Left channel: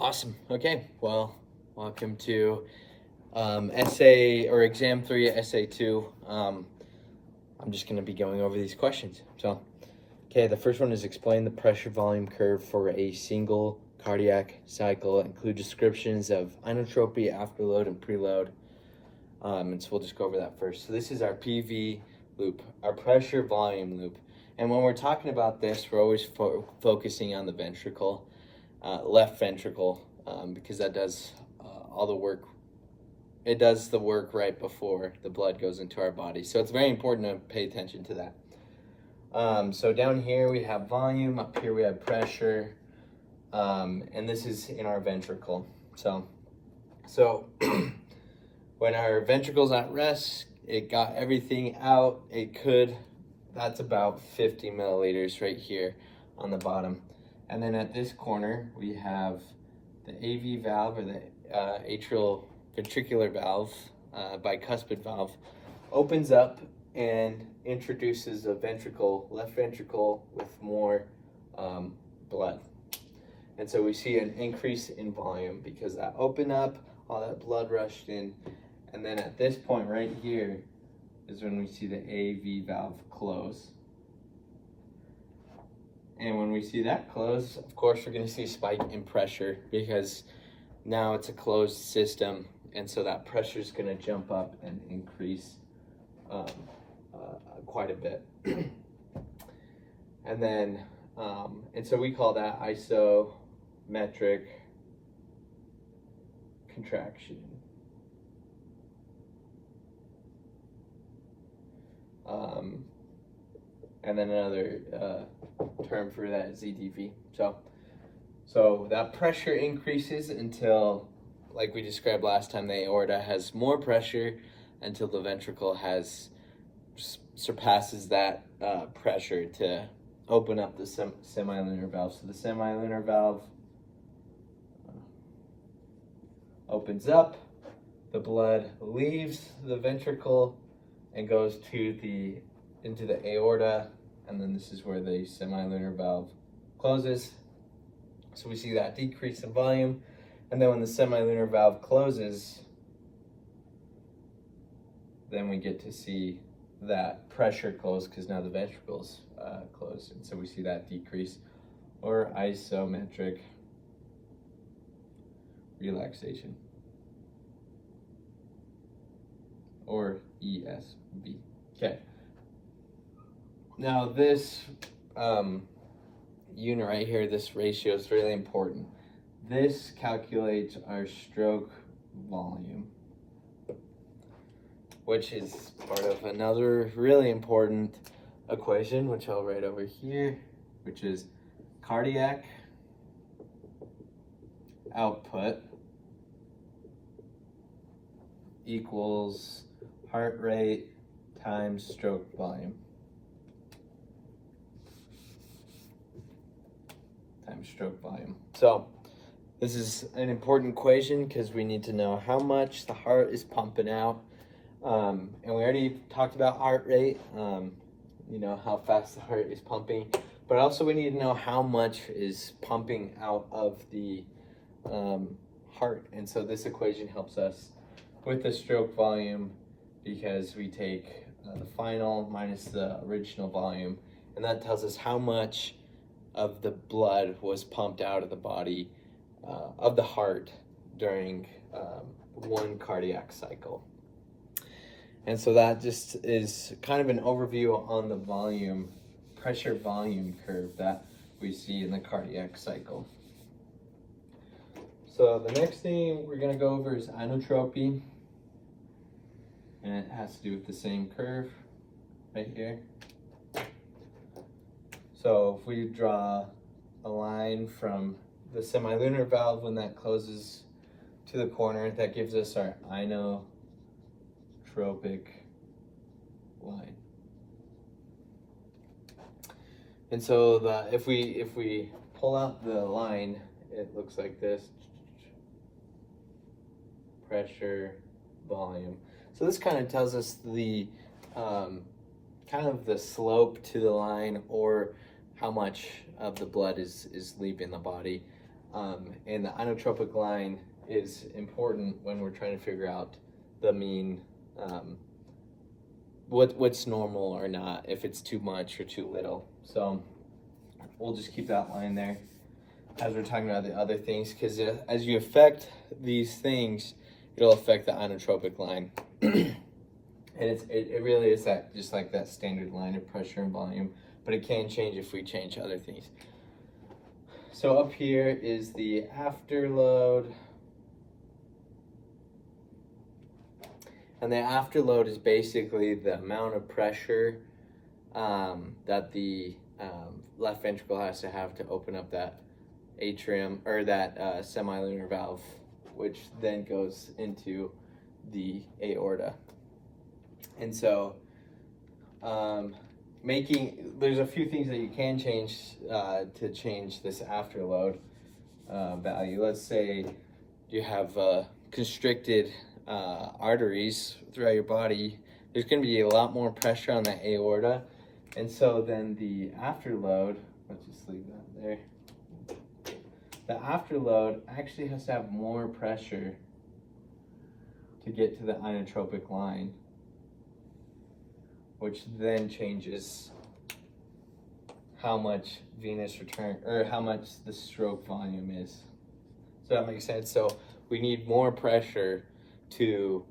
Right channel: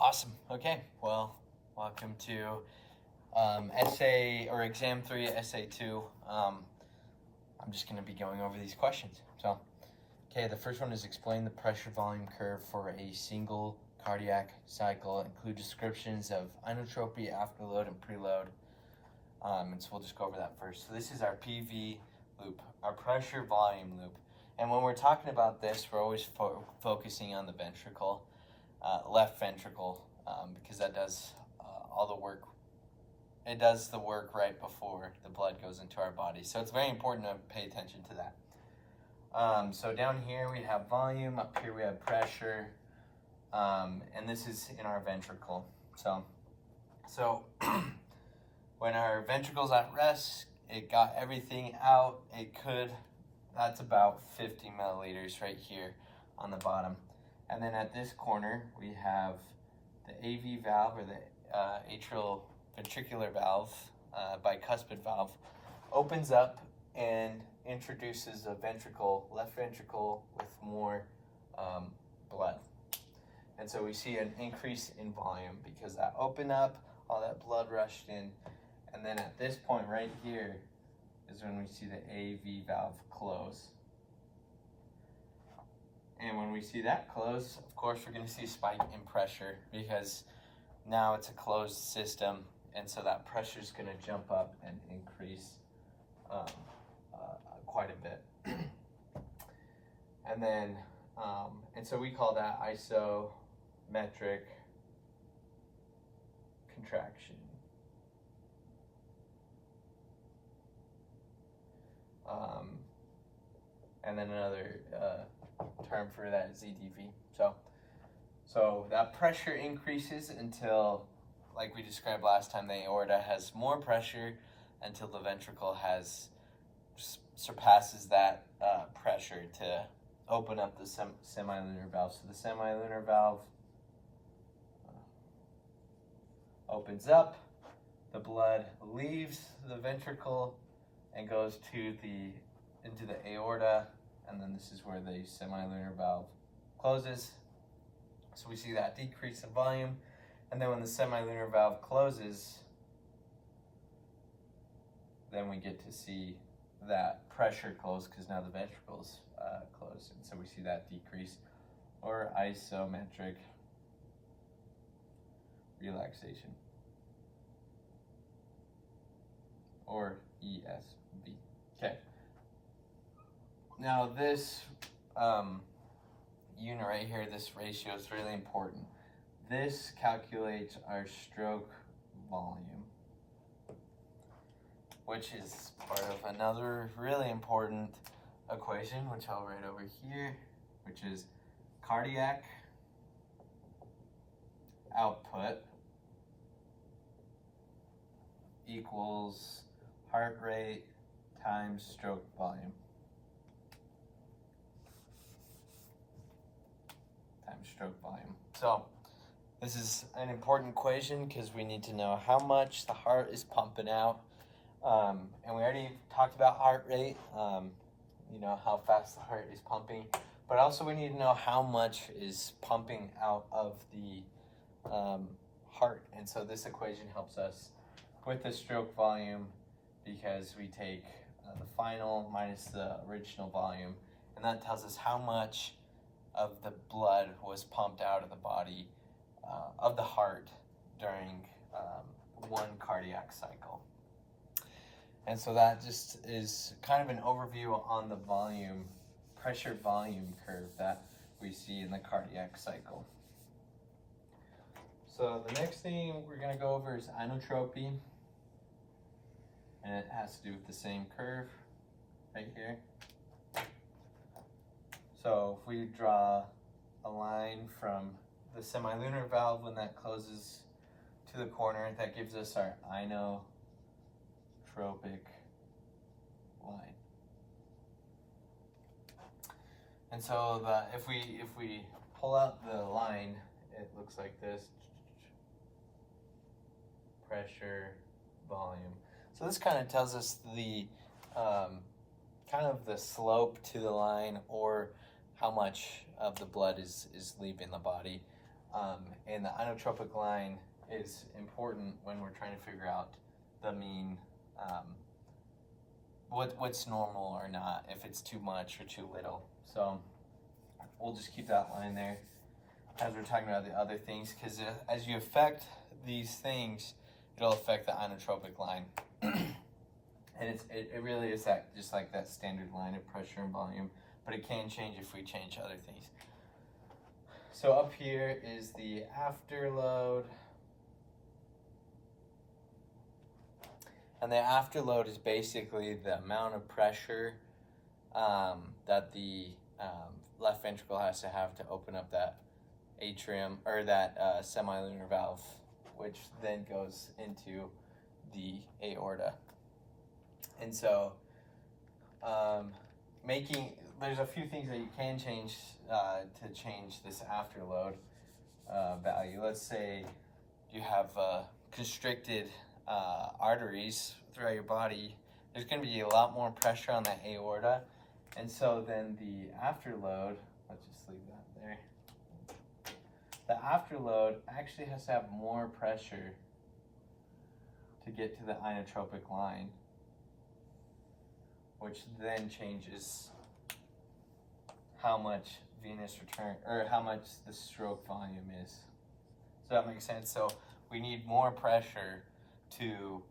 Awesome. Okay. Well, welcome to essay or exam 3, essay 2. I'm just going to be going over these questions. So, okay, the first one is explain the pressure volume curve for a single cardiac cycle. Include descriptions of inotropy, afterload, and preload. And so we'll just go over that first. So this is our PV loop, our pressure volume loop. And when we're talking about this, we're always focusing on the ventricle, left ventricle, because that does all the work. It does the work right before the blood goes into our body. So it's very important to pay attention to that. So down here we have volume, up here we have pressure, and this is in our ventricle. So when our ventricle's at rest, it got everything out it could. That's about 50 milliliters right here on the bottom. And then at this corner, we have the AV valve, or the atrial ventricular valve, bicuspid valve, opens up and introduces a ventricle, left ventricle, with more blood. And so we see an increase in volume because that opened up, all that blood rushed in. And then at this point right here is when we see the AV valve close. And when we see that close, of course, we're going to see a spike in pressure because now it's a closed system. And so that pressure is going to jump up and increase quite a bit. And then, and so we call that isometric contraction. And then another term for that is EDV. So that pressure increases until, like we described last time, the aorta has more pressure until the ventricle surpasses that pressure to open up the semilunar valve. So the semilunar valve opens up, the blood leaves the ventricle and goes into the aorta, and then this is where the semilunar valve closes. So we see that decrease in volume, and then when the semilunar valve closes, then we get to see that pressure close because now the ventricle's closed, and so we see that decrease, or isometric relaxation, or ESV. Okay. Now this unit right here, this ratio is really important. This calculates our stroke volume, which is part of another really important equation, which I'll write over here, which is cardiac output equals heart rate times stroke volume times stroke volume. So this is an important equation because we need to know how much the heart is pumping out. And we already talked about heart rate, you know, how fast the heart is pumping, but also we need to know how much is pumping out of the heart. And so this equation helps us with the stroke volume because we take the final minus the original volume, and that tells us how much of the blood was pumped out of the body, of the heart, during one cardiac cycle. And so that just is kind of an overview on the volume, pressure volume curve that we see in the cardiac cycle. So the next thing we're going to go over is inotropy, and it has to do with the same curve right here. So if we draw a line from the semilunar valve when that closes to the corner, that gives us our inotropic line. And so if we pull out the line, it looks like this: pressure, volume. So this kind of tells us the kind of the slope to the line, or how much of the blood is leaving the body. And the inotropic line is important when we're trying to figure out the mean, what's normal or not, if it's too much or too little. So we'll just keep that line there as we're talking about the other things, because as you affect these things, it'll affect the inotropic line. And it really is that, just like that standard line of pressure and volume, but it can change if we change other things. So up here is the afterload. And the afterload is basically the amount of pressure that the left ventricle has to have to open up that atrium, or that semilunar valve, which then goes into the aorta. And so there's a few things that you can change to change this afterload value. Let's say you have constricted arteries throughout your body. There's going to be a lot more pressure on the aorta, and so then the afterload, let's just leave that there. The afterload actually has to have more pressure to get to the inotropic line, which then changes how much venous return, or how much the stroke volume is. So that makes sense. So we need more pressure to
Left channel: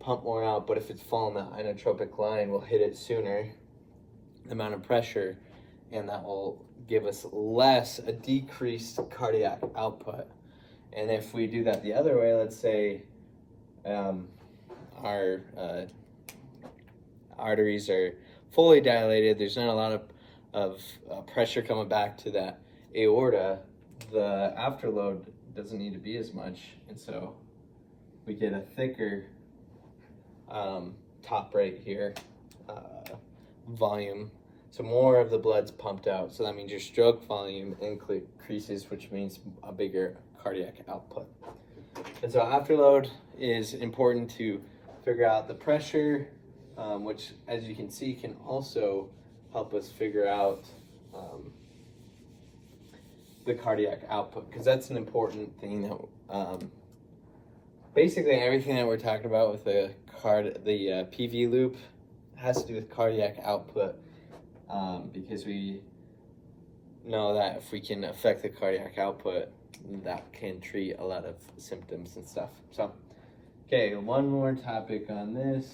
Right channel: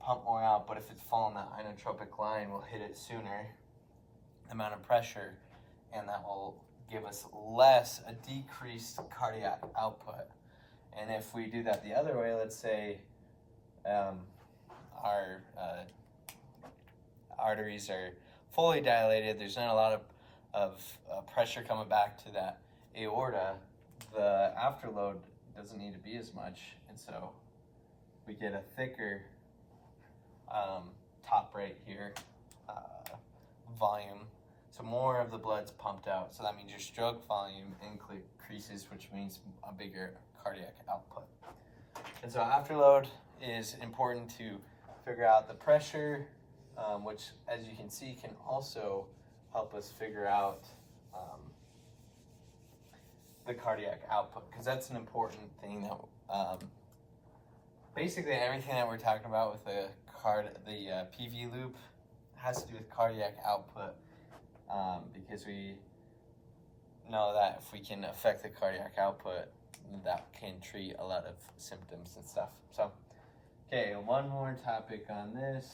pump more out, but if it's following the inotropic line, we'll hit it sooner, the amount of pressure, and that will give us a decreased cardiac output. And if we do that the other way, let's say our arteries are fully dilated, there's not a lot of pressure coming back to that aorta, the afterload doesn't need to be as much, and so we get a thicker top right here volume, so more of the blood's pumped out, so that means your stroke volume increases, which means a bigger cardiac output. And so afterload is important to figure out the pressure, which, as you can see, can also help us figure out the cardiac output, because that's an important thing that basically everything that we're talking about with the PV loop has to do with cardiac output, because we know that if we can affect the cardiac output, that can treat a lot of symptoms and stuff. So, okay, one more topic on this.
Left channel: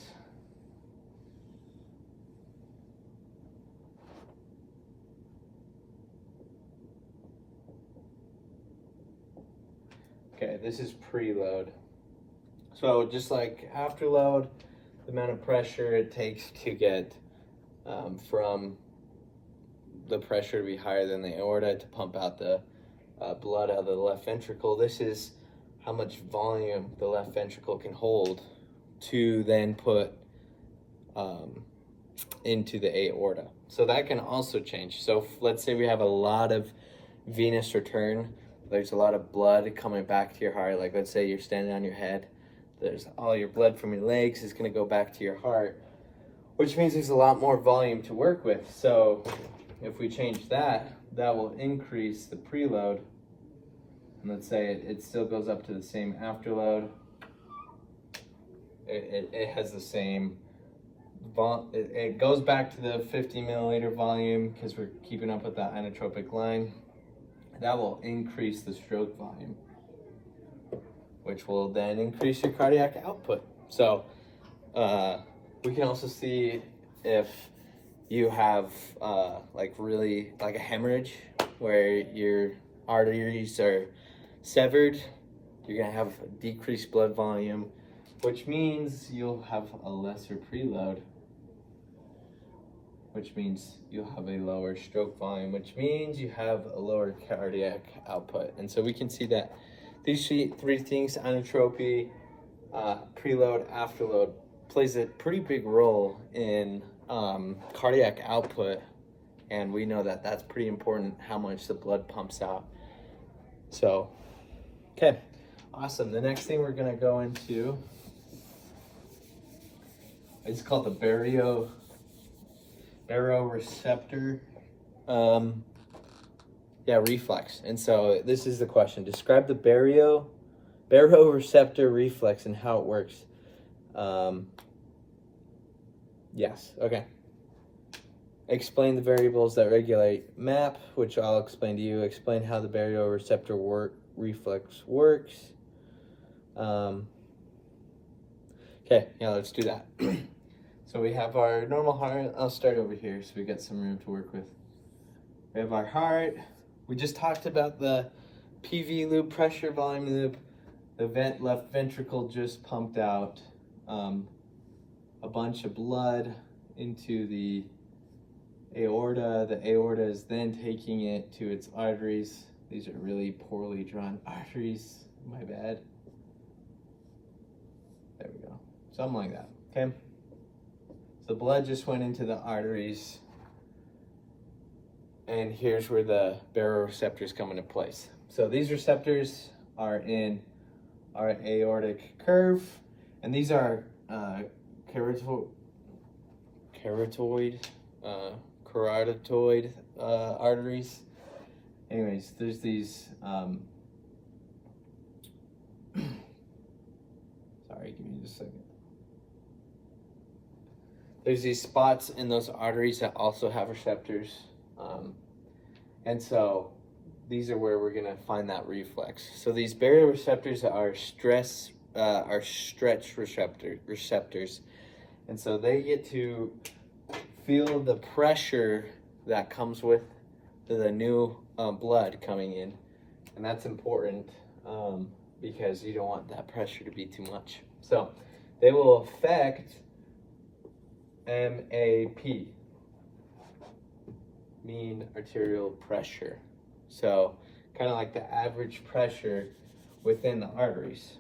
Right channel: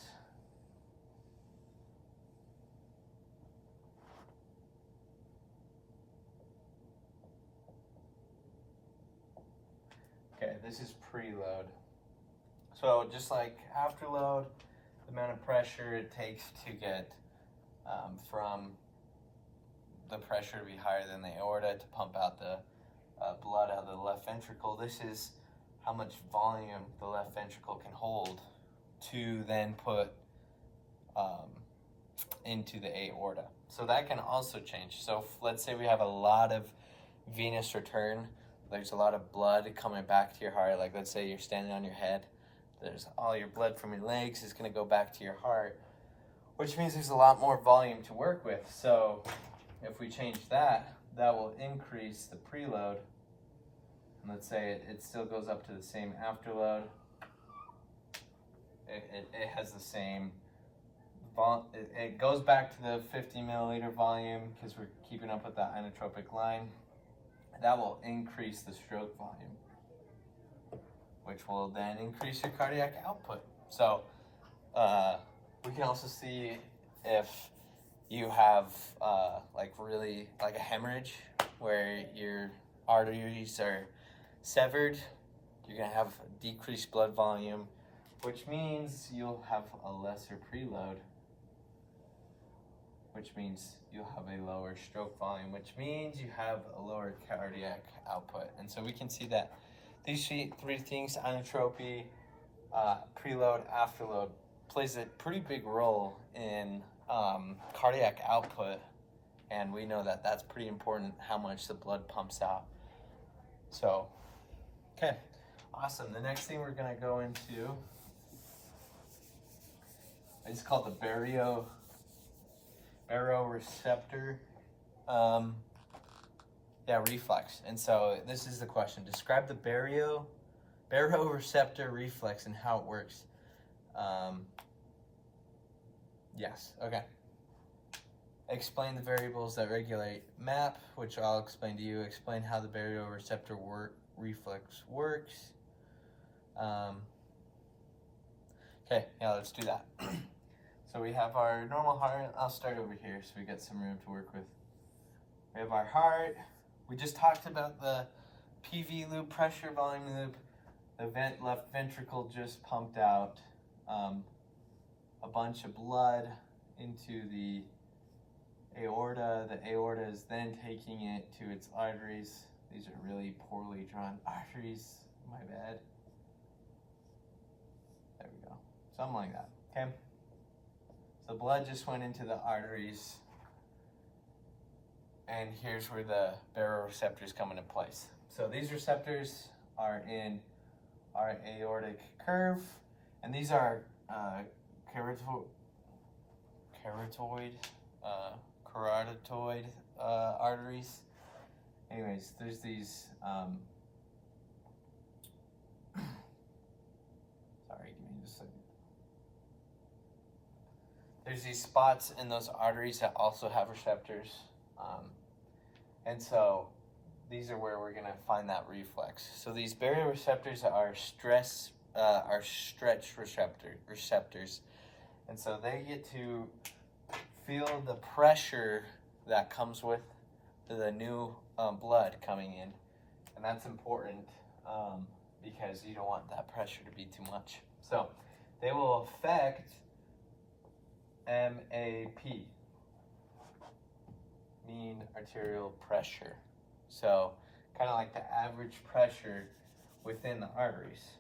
Okay, this is preload. So just like afterload, the amount of pressure it takes to get from the pressure to be higher than the aorta to pump out the blood out of the left ventricle, this is how much volume the left ventricle can hold to then put into the aorta. So that can also change. So let's say we have a lot of venous return, there's a lot of blood coming back to your heart. Like let's say you're standing on your head, there's all your blood from your legs is going to go back to your heart, which means there's a lot more volume to work with. So if we change that, that will increase the preload. And let's say it still goes up to the same afterload. It has the same, it goes back to the 50 milliliter volume because we're keeping up with that inotropic line. That will increase the stroke volume, which will then increase your cardiac output. So we can also see if you have like a hemorrhage where your arteries are severed, you're gonna have decreased blood volume, which means you'll have a lesser preload, which means you'll have a lower stroke volume, which means you have a lower cardiac output. And so we can see that these three things, inotropy, preload, afterload, plays a pretty big role in cardiac output. And we know that that's pretty important, how much the blood pumps out. So, okay, awesome. The next thing we're gonna go into, it's called the Baroreceptor. Yeah, reflex. And so this is the question. Describe the baroreceptor reflex and how it works. Yes, okay. Explain the variables that regulate MAP, which I'll explain to you. Explain how the baroreceptor reflex works. Okay, yeah, let's do that. So we have our normal heart. I'll start over here so we got some room to work with. We have our heart. We just talked about the PV loop, pressure volume loop. The left ventricle just pumped out a bunch of blood into the aorta. The aorta is then taking it to its arteries. These are really poorly drawn arteries. My bad. There we go. Something like that. Okay. So blood just went into the arteries. And here's where the baroreceptors come into place. So these receptors are in our aortic curve, and these are carotid arteries. Anyways, there's these. Sorry, give me just a second. There's these spots in those arteries that also have receptors. And so these are where we're gonna find that reflex. So these baroreceptors are stretch receptors. And so they get to feel the pressure that comes with the new blood coming in. And that's important because you don't want that pressure to be too much. So they will affect MAP, mean arterial pressure. So kind of like the average pressure within the arteries.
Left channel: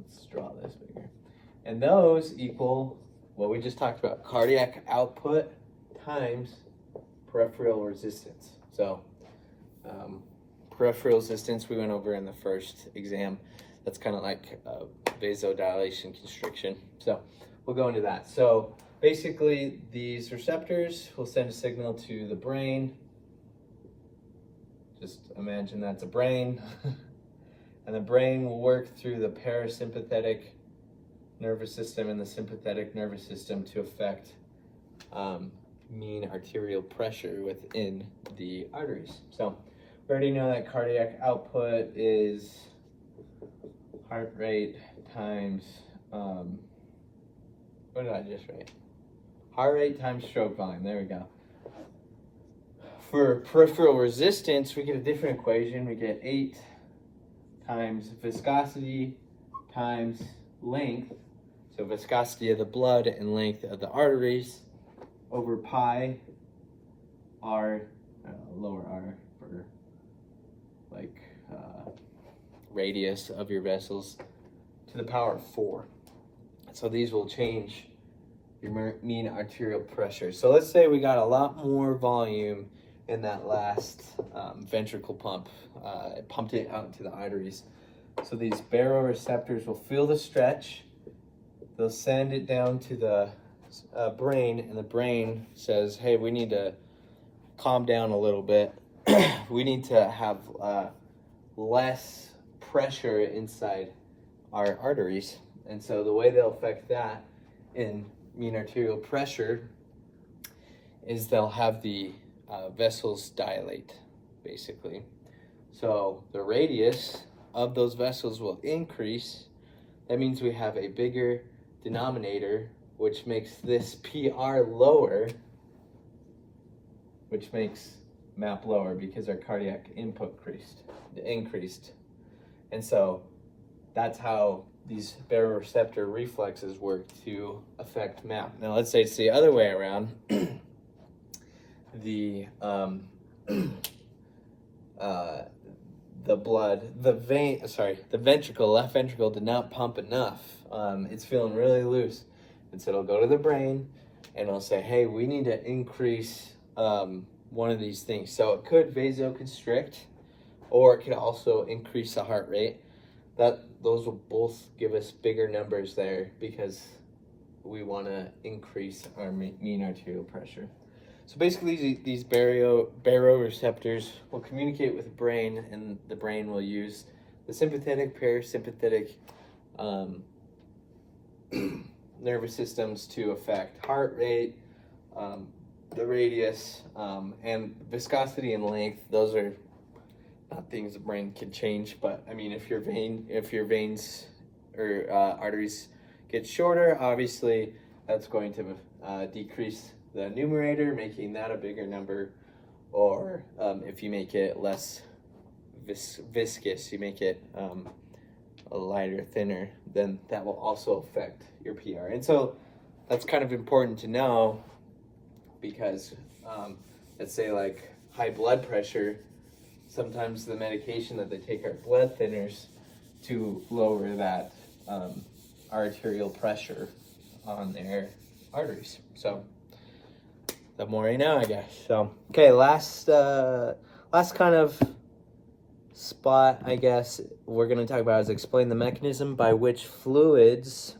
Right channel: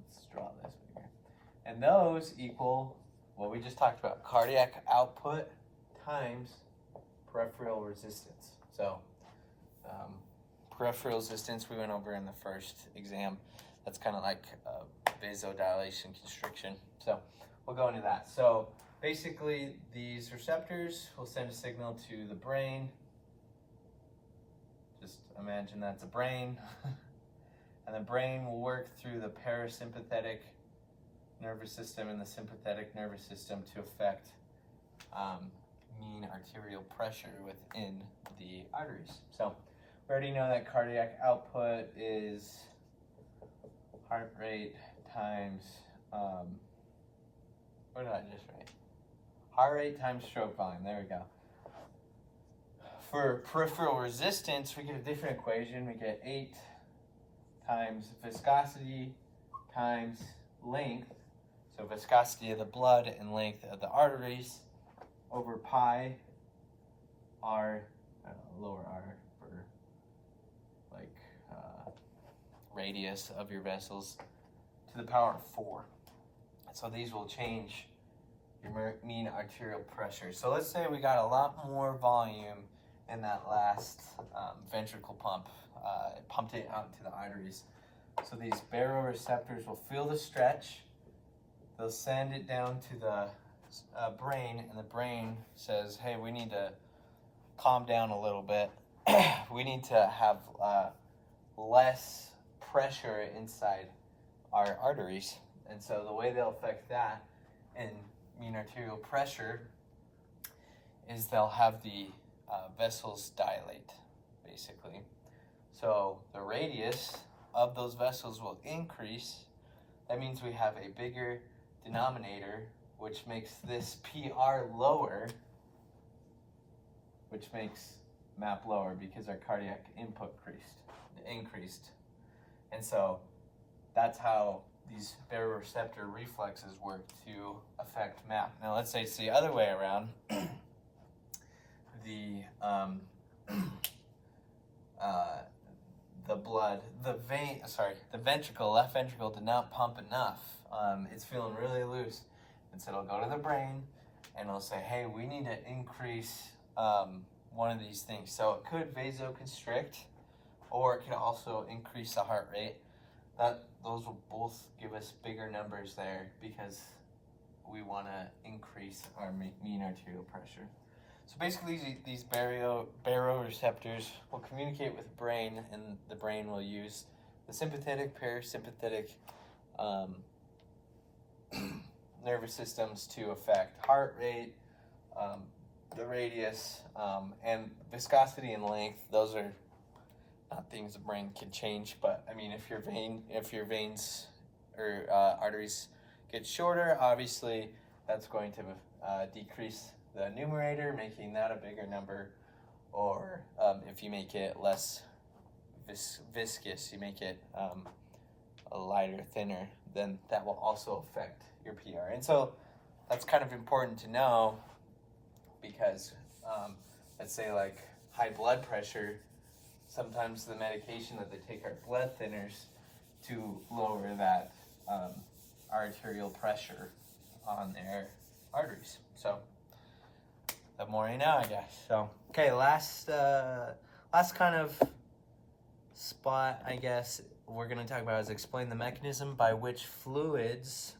Let's draw this bigger. And those equal what we just talked about, cardiac output times peripheral resistance. So peripheral resistance we went over in the first exam. That's kind of like vasodilation constriction. So we'll go into that. So basically these receptors will send a signal to the brain. Just imagine that's a brain. And the brain will work through the parasympathetic nervous system and the sympathetic nervous system to affect mean arterial pressure within the arteries. So we already know that cardiac output is heart rate times, what did I just write? Heart rate times stroke volume, there we go. For peripheral resistance, we get a different equation. We get 8 times viscosity times length. So viscosity of the blood and length of the arteries over pi r, lower r for like radius of your vessels to the power of 4. So these will change your mean arterial pressure. So let's say we got a lot more volume in that last ventricle pump. It pumped it out into the arteries. So these baroreceptors will feel the stretch. They'll send it down to the brain, and the brain says, hey, we need to calm down a little bit. We need to have less pressure inside our arteries. And so the way they'll affect that in mean arterial pressure is they'll have the vessels dilate, basically. So the radius of those vessels will increase. That means we have a bigger denominator, which makes this PR lower, which makes MAP lower because our cardiac input increased. And so that's how these baroreceptor reflexes work to affect MAP. Now let's say it's the other way around. The ventricle, left ventricle did not pump enough. It's feeling really loose. And so it'll go to the brain and it'll say, hey, we need to increase one of these things. So it could vasoconstrict, or it could also increase the heart rate. Those will both give us bigger numbers there because we want to increase our mean arterial pressure. So basically, these baroreceptors will communicate with the brain, and the brain will use the sympathetic, parasympathetic nervous systems to affect heart rate, the radius, and viscosity and length. Those are not things the brain can change, but I mean, if your veins or arteries get shorter, obviously that's going to decrease the numerator, making that a bigger number, or if you make it less viscous, you make it a lighter, thinner, then that will also affect your PR. And so that's kind of important to know, because let's say like high blood pressure, sometimes the medication that they take are blood thinners to lower that arterial pressure on their arteries. So the more you know, I guess. So okay, last kind of spot, I guess, we're going to talk about is explain the mechanism by which fluids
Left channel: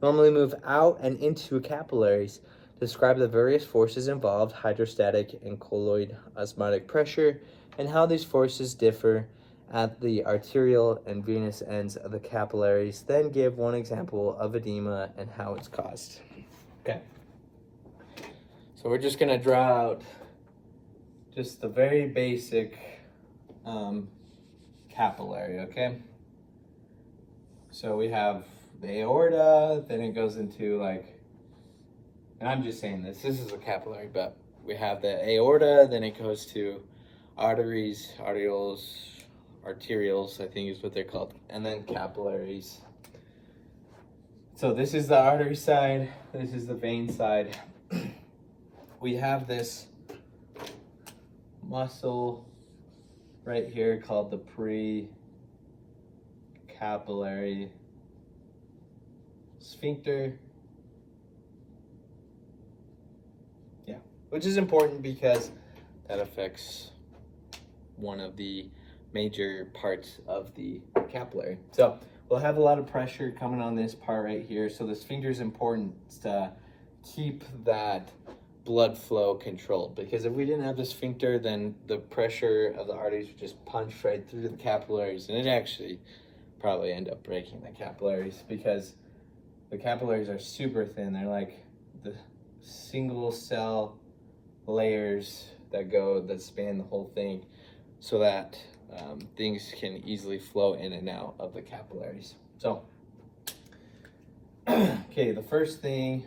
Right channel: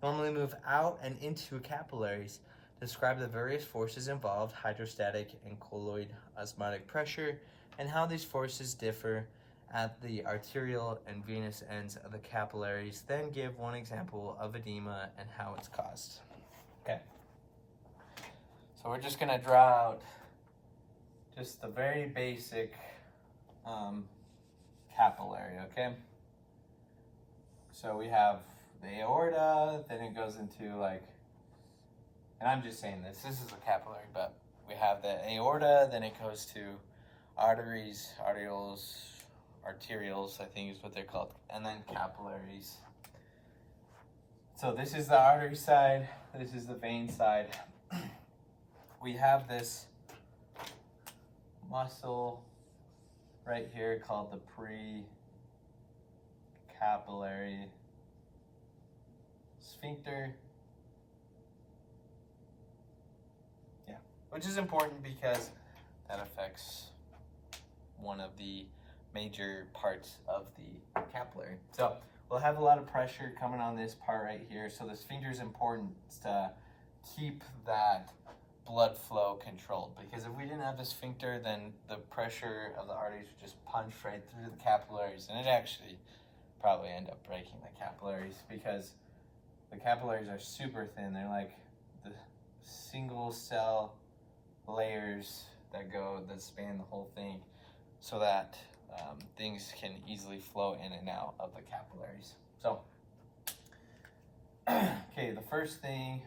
normally move out and into capillaries. Describe the various forces involved, hydrostatic and colloid osmotic pressure, and how these forces differ at the arterial and venous ends of the capillaries. Then give one example of edema and how it's caused. Okay. So we're just going to draw out just the very basic capillary, okay? So we have the aorta, then it goes into like, and I'm just saying this is a capillary, but we have the aorta, then it goes to arteries, arterials, I think is what they're called, and then capillaries. So this is the artery side, this is the vein side. We have this muscle right here called the pre-capillary sphincter. Yeah, which is important because that affects one of the major parts of the capillary. So we'll have a lot of pressure coming on this part right here. So the sphincter is important to keep that blood flow controlled, because if we didn't have the sphincter, then the pressure of the arteries would just punch right through the capillaries, and it actually probably end up breaking the capillaries, because the capillaries are super thin. They're like the single cell layers that span the whole thing, so that things can easily flow in and out of the capillaries. So okay, the first thing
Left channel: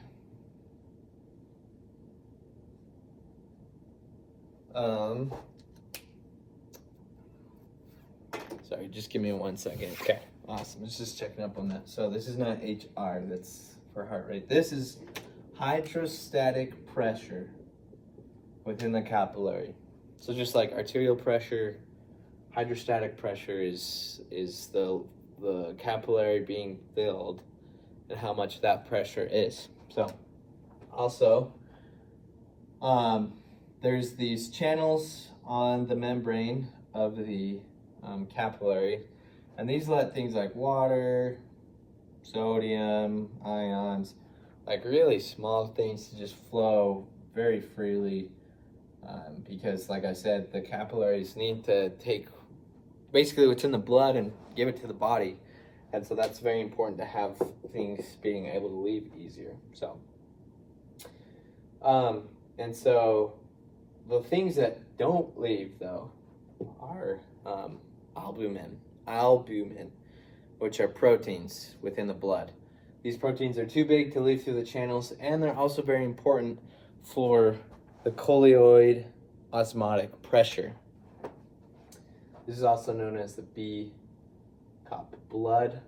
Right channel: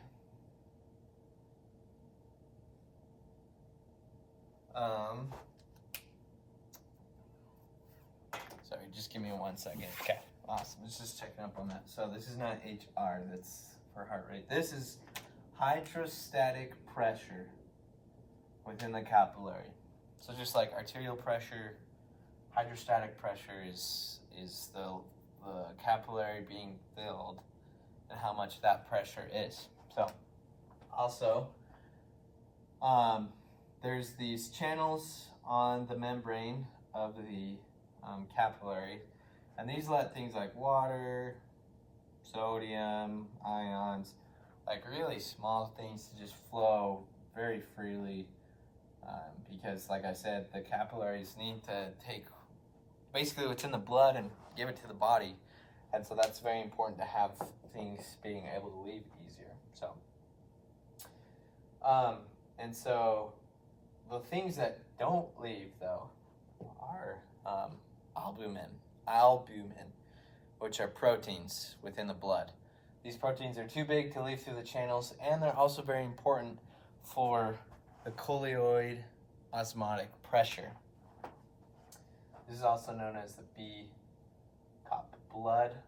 sorry, just give me 1 second. Okay, awesome. Let's just checking up on that. So this is not HR, that's for heart rate. This is hydrostatic pressure within the capillary. So just like arterial pressure, hydrostatic pressure is the capillary being filled and how much that pressure is. So also, there's these channels on the membrane of the capillary, and these let things like water, sodium, ions, like really small things to just flow very freely, because like I said, the capillaries need to take basically what's in the blood and give it to the body, and so that's very important to have things being able to leave easier. So and so the things that don't leave though are albumin, which are proteins within the blood. These proteins are too big to leave through the channels, and they're also very important for the colloid osmotic pressure. This is also known as the BCOP, blood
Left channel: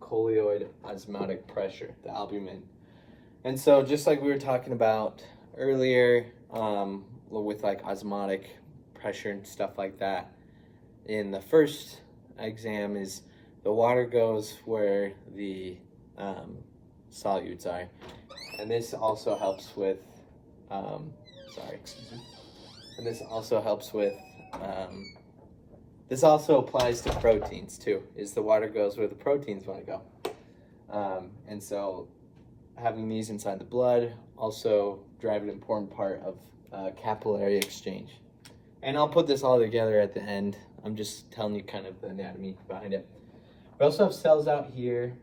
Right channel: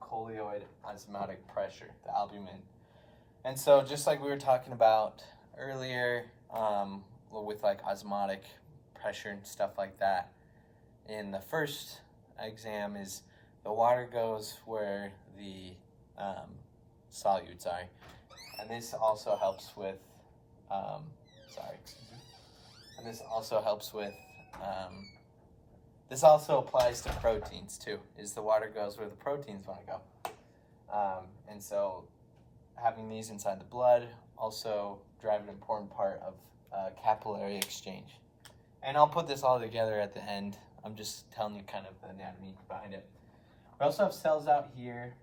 colloid osmotic pressure, the albumin. And so just like we were talking about earlier, with like osmotic pressure and stuff like that, in the first exam is the water goes where the solutes are, and this also helps with this also applies to proteins too, is the water goes where the proteins want to go, and so having these inside the blood also drive an important part of capillary exchange. And I'll put this all together at the end. I'm just telling you kind of the anatomy behind it. We also have cells out here,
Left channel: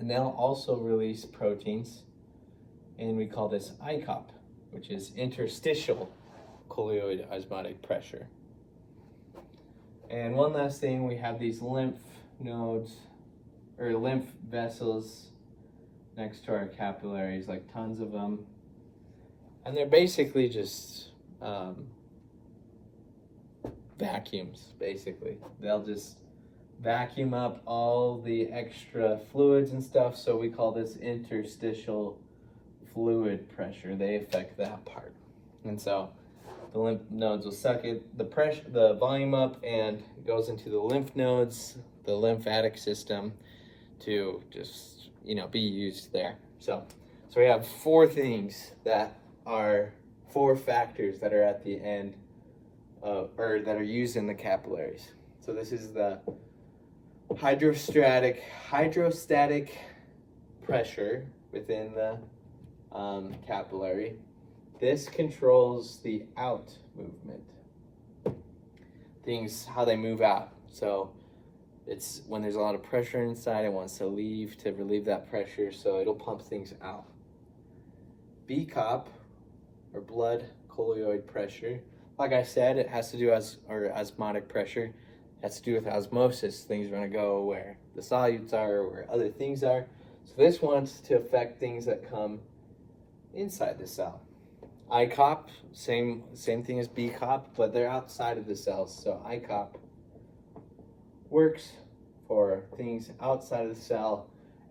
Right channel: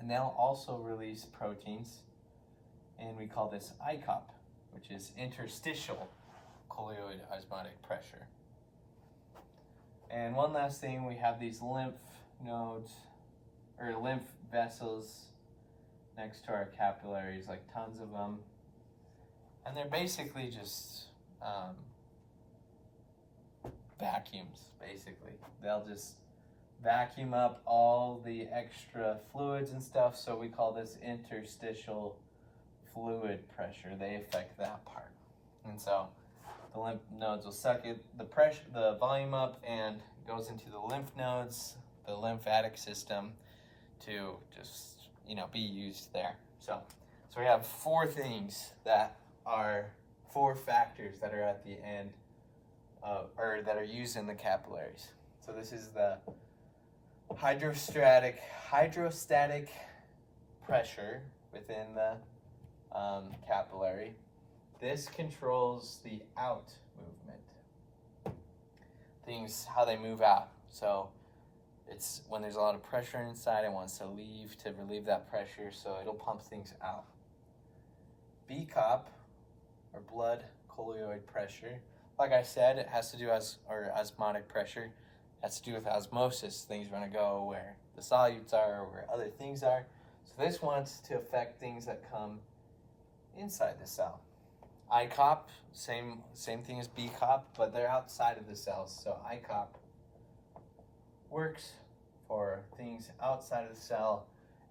and they'll also release proteins, and we call this ICOP, which is interstitial colloid osmotic pressure. And one last thing, we have these lymph nodes, or lymph vessels next to our capillaries, like tons of them. And they're basically just vacuums, basically. They'll just vacuum up all the extra fluids and stuff, so we call this interstitial fluid pressure. They affect that part. And so the lymph nodes will suck it, the volume up, and it goes into the lymph nodes, the lymphatic system, to just, be used there. So we have four things that are four factors that are at the end of, or that are used in the capillaries. So this is the hydrostatic pressure within the capillary. This controls the out movement, things, how they move out. So it's when there's a lot of pressure inside, it wants to leave to relieve that pressure, so it'll pump things out. BCOP, or blood colloid pressure, like I said, it has to do or osmotic pressure, has to do with osmosis. Things are going to go where the solutes are, or where other things are. So this wants to affect things that come inside the cell. ICOP, same thing as BCOP, but they're outside of the cells. So ICOP works for things outside of the cell,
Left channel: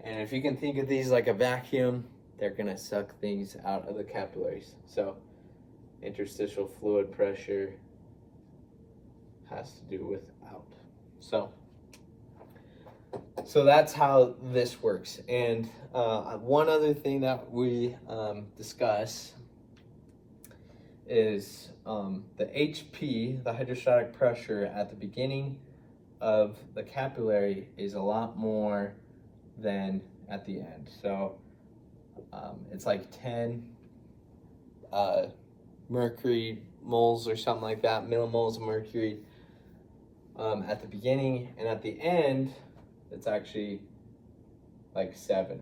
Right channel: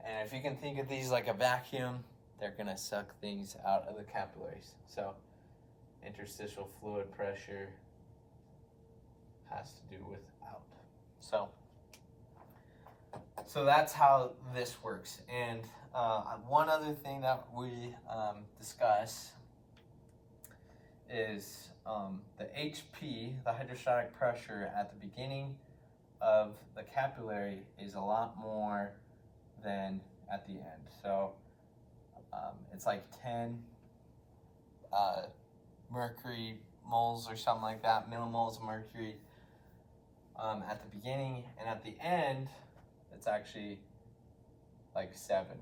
and if you can think of these like a vacuum, they're gonna suck things out of the capillaries. So interstitial fluid pressure has to do with out. So that's how this works. And one other thing that we discuss is the HP, the hydrostatic pressure at the beginning of the capillary, is a lot more than at the end. So it's like 10 mercury moles or something like that, millimoles of mercury at the beginning, and at the end it's actually like 7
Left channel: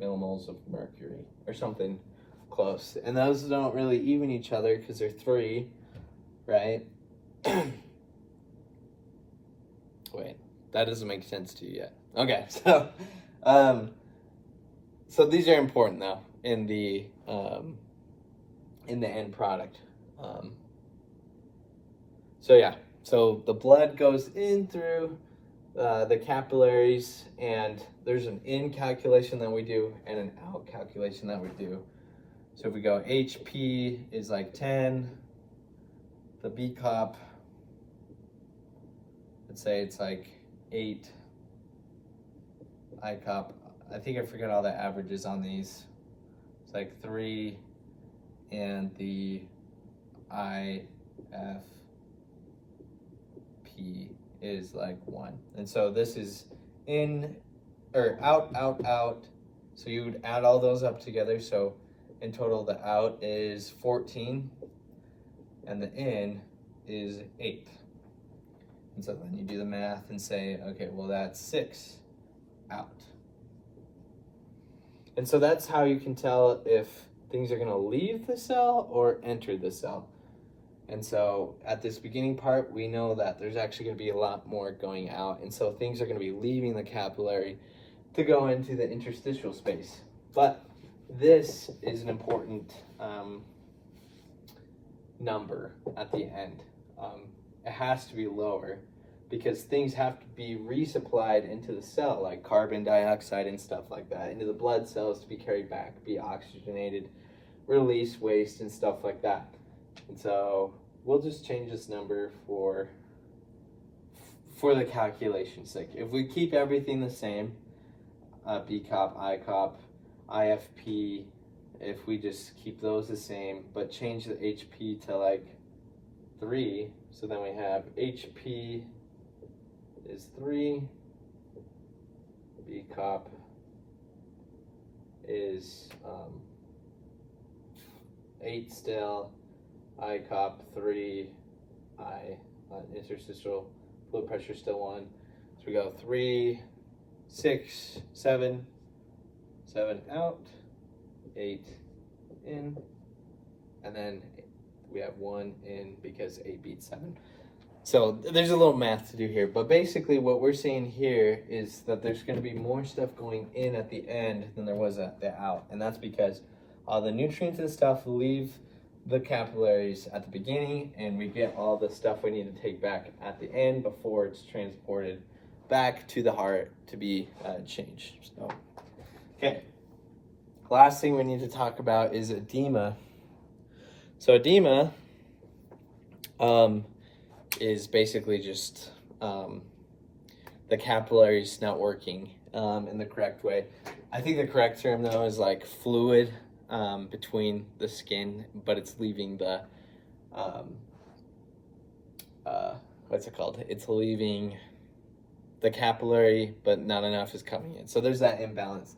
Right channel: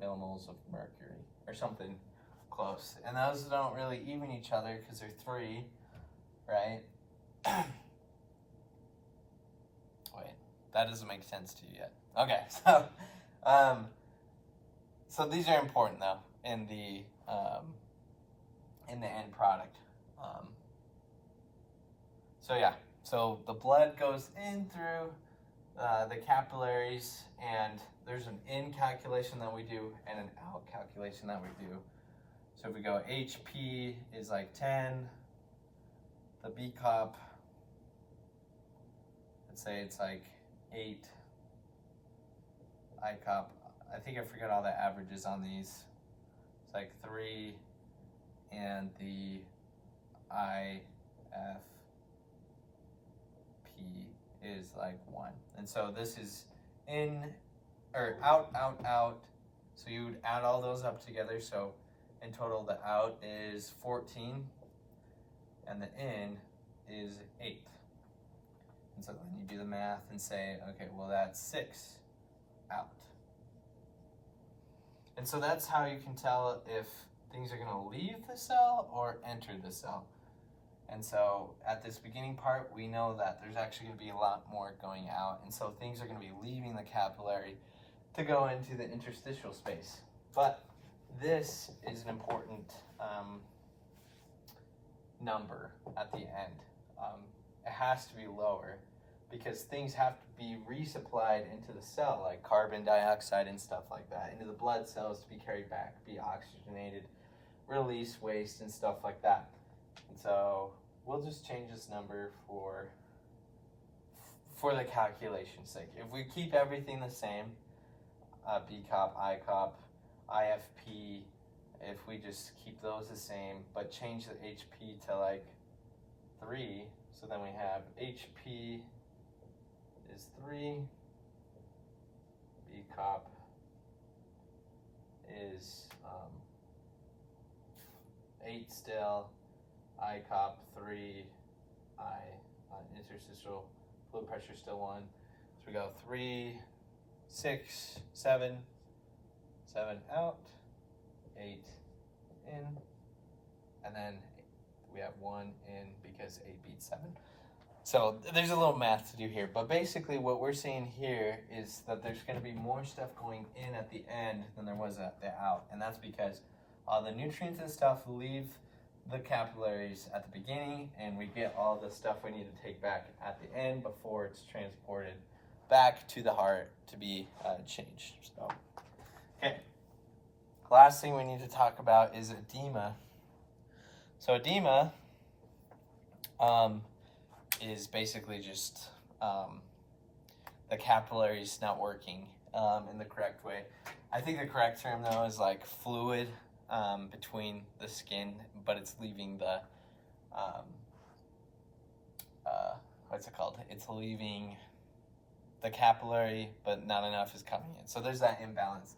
millimoles of mercury or something close. And those don't really even each other because they're 3, right? Wait, that doesn't make sense to you yet. Okay, so these are important though in the end product. So the blood goes in through the capillaries, and there's an in calculation that we do and an out calculation that we do. So if we go HP is like 10, the BCOP, let's say it's like 8, ICOP, I think I forget all the averages on these, it's like 3, and the IFP is like 1. And so this is in, or out, so you would add all those up together. So in total, the out is 14, and the in is 8. And so then you do the math and say, okay, well that's 6 out. And so that's how you can tell if things are going to leave the cell or enter the cell. And so at this beginning part, we know that there's actually going to be a lot more going out. And so things are going to be leaving the capillary to go into the interstitial space. But this is an important number at the end. It has to be lower because things have to be resupplied into the cell, like carbon dioxide and stuff like that, into the blood cells to be carried back, be oxygenated, release waste and stuff like that. And so we'll just change this number for the calculation's sake. If we keep everything the same, BCOP, ICOP, IFP, if we just keep those the same, but change the HP to like 3, so then we have HP is 3, BCOP is 8 still, I cop 3, interstitial fluid pressure still 1. So we go 3, 6, 7, 7 out, 8 in, and then we have 1 in because 8 beats 7. So there's a little math to do here, but basically what we're seeing here is that there's going to be more stuff going in at the end than there was at the out, and that's because all the nutrients and stuff leave the capillaries at the beginning, and we get all the stuff we need to take back at the end before it's transported back to the heart to be changed. So, okay. Last thing we need to talk about is edema. So edema is basically just the capillaries not working in the correct way. I think the correct term though is like fluid between the skin, but it's leaving the what's it called? It's leaving the capillary, but not enough is coming in. So there's that imbalance.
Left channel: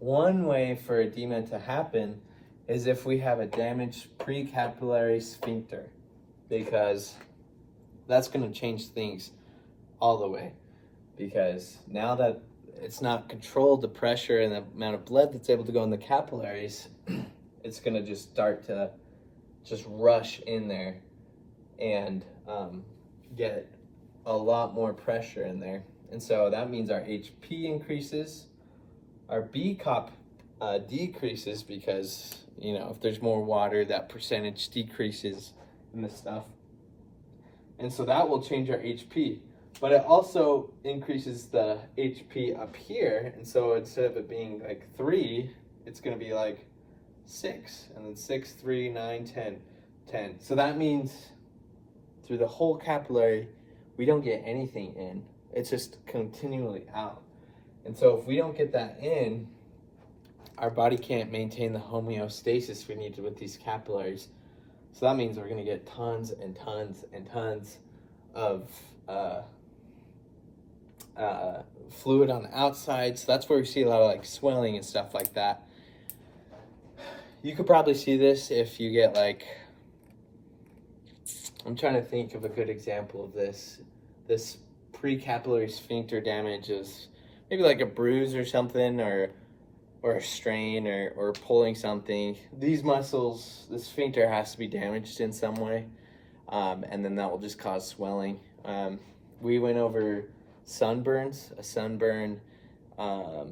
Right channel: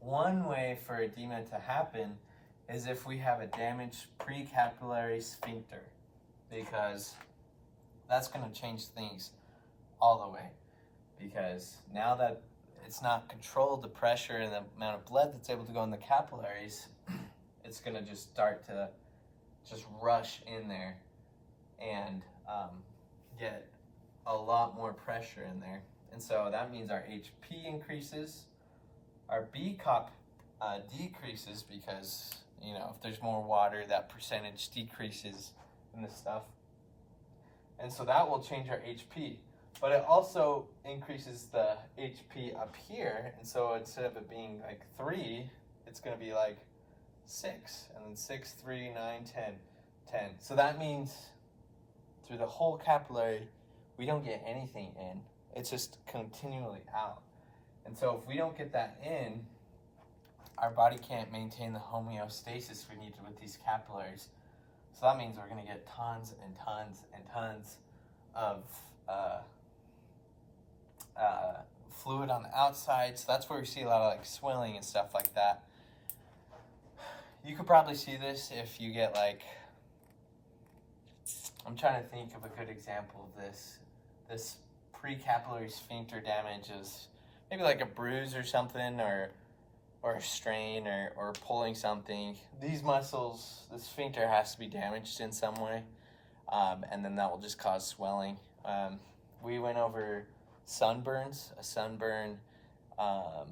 One way for edema to happen is if we have a damaged precapillary sphincter, because that's going to change things all the way. Because now that it's not controlled, the pressure and the amount of blood that's able to go in the capillaries, it's going to just start to just rush in there and get a lot more pressure in there. And so that means our HP increases, our B-cop decreases because, you know, if there's more water, that percentage decreases in the stuff. And so that will change our HP. But it also increases the HP up here. And so instead of it being like 3, it's going to be like 6. And then 6, 3, 9, 10, 10. So that means through the whole capillary, we don't get anything in. It's just continually out. And so if we don't get that in, our body can't maintain the homeostasis we need with these capillaries. So that means we're going to get tons and tons and tons of fluid on the outside. So that's where we see a lot of like swelling and stuff like that. You could probably see this if you get like, I'm trying to think of a good example of this. This precapillary sphincter damage is maybe like a bruise or something, or a strain, or pulling something. These muscles, the sphincter has to be damaged in some way, and then that will just cause swelling. We went over sunburns. A sunburn, the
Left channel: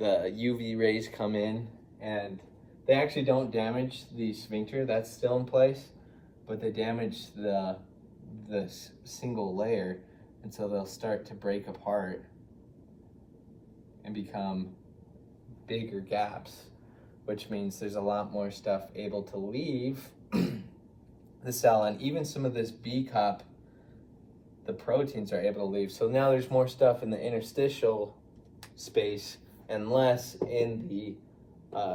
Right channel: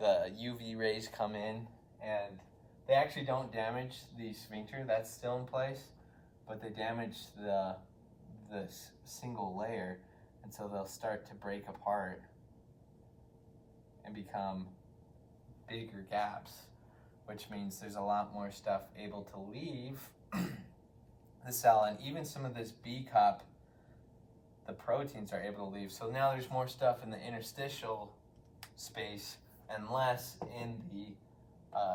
UV rays come in and they actually don't damage the sphincter, that's still in place, but they damage the single layer, and so they'll start to break apart and become bigger gaps, which means there's a lot more stuff able to leave the cell, and even some of this B-cup, the proteins are able to leave. So now there's more stuff in the interstitial space and less in the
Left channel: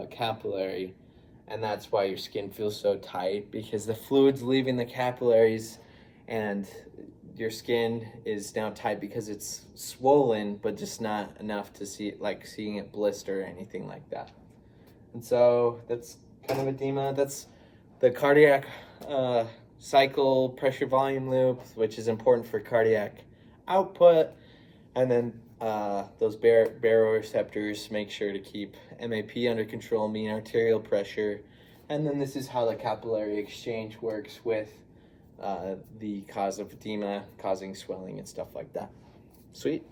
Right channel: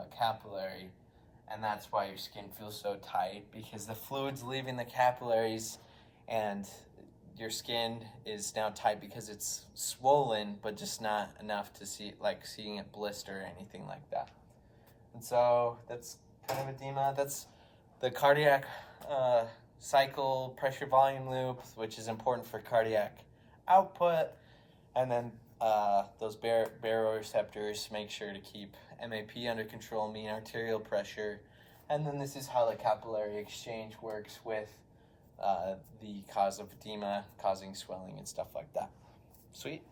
capillary, and that's why your skin feels so tight, because the fluid's leaving the capillaries and your skin is now tight because it's swollen, but just not enough to see it, like seeing it blister or anything like that. And so that's kind of edema. That's the cardiac cycle pressure volume loop, which is important for cardiac output. And then those baroreceptors make sure to keep MAP under control, mean arterial pressure. And then this is how the capillary exchange works with the cause of edema, causing swelling and stuff like that. Sweet.